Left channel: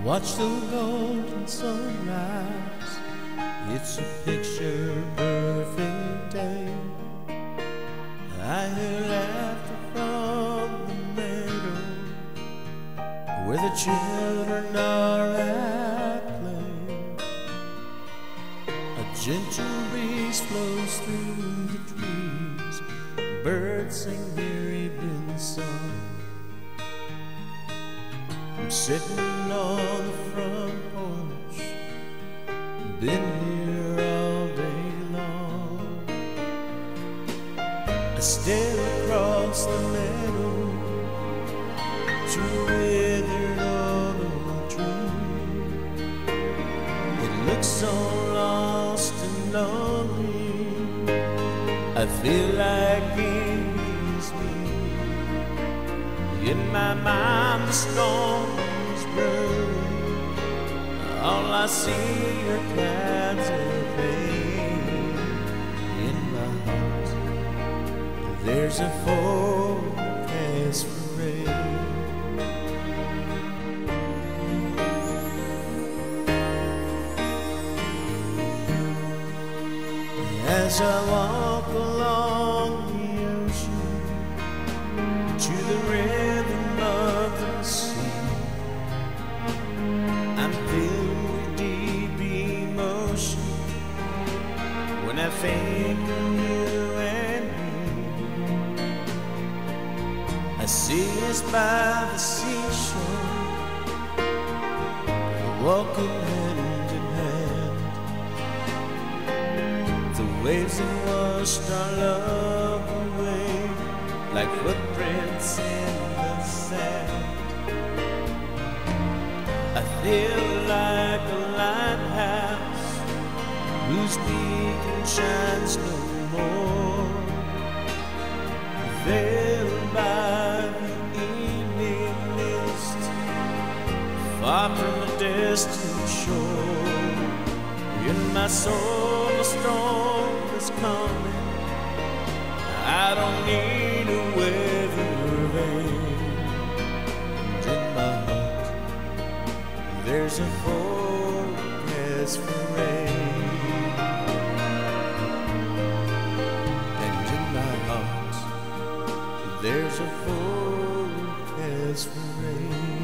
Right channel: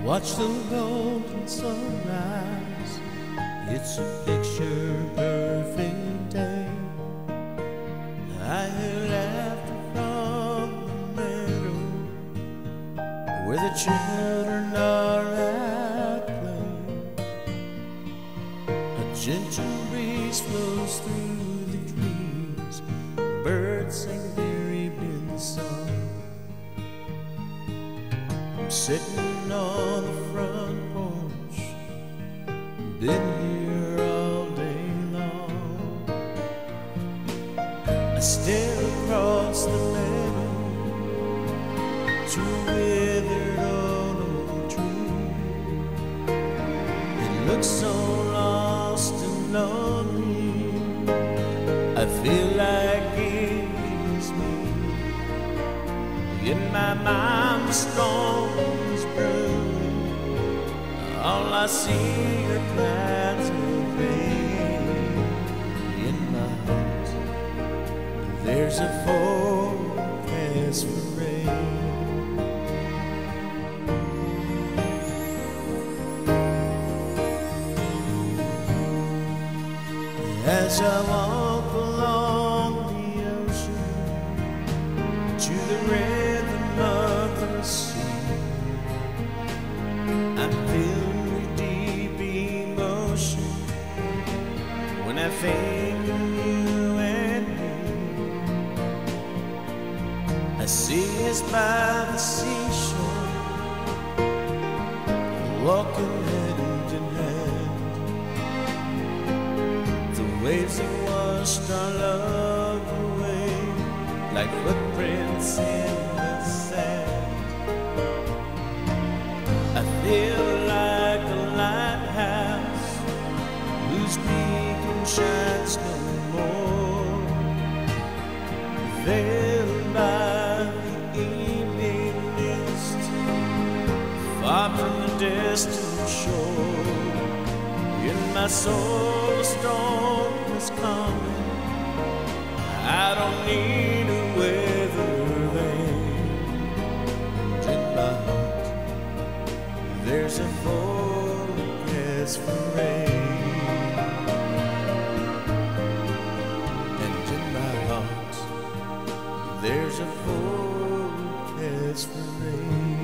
Watch the golden sunrise. It's a picture perfect day. I hear laughter from the meadow where the children are at play. A gentle breeze flows through the trees. Birds sing their evening song. I'm sitting on the front porch, been here all day long. I stare across the meadow to a withered old tree. It looks so lost and lonely, I feel like it's me. In my mind the storm is brewing. All I see are clouds of pain. In my heart there's a forecast for rain. As I walk along the ocean to the rhythm of the sea, I'm filled with deep emotion when I think of you and me. I see us by the seashore, walking hand in hand. The waves have washed our love away like footprints in the sand. I feel like a lighthouse whose beacon shines no more, veiled by the evening mist, far from the distant shore. In my soul a storm is coming. I don't need a weather vane. And in my heart there's a forecast for rain. And in my heart there's a forecast for rain.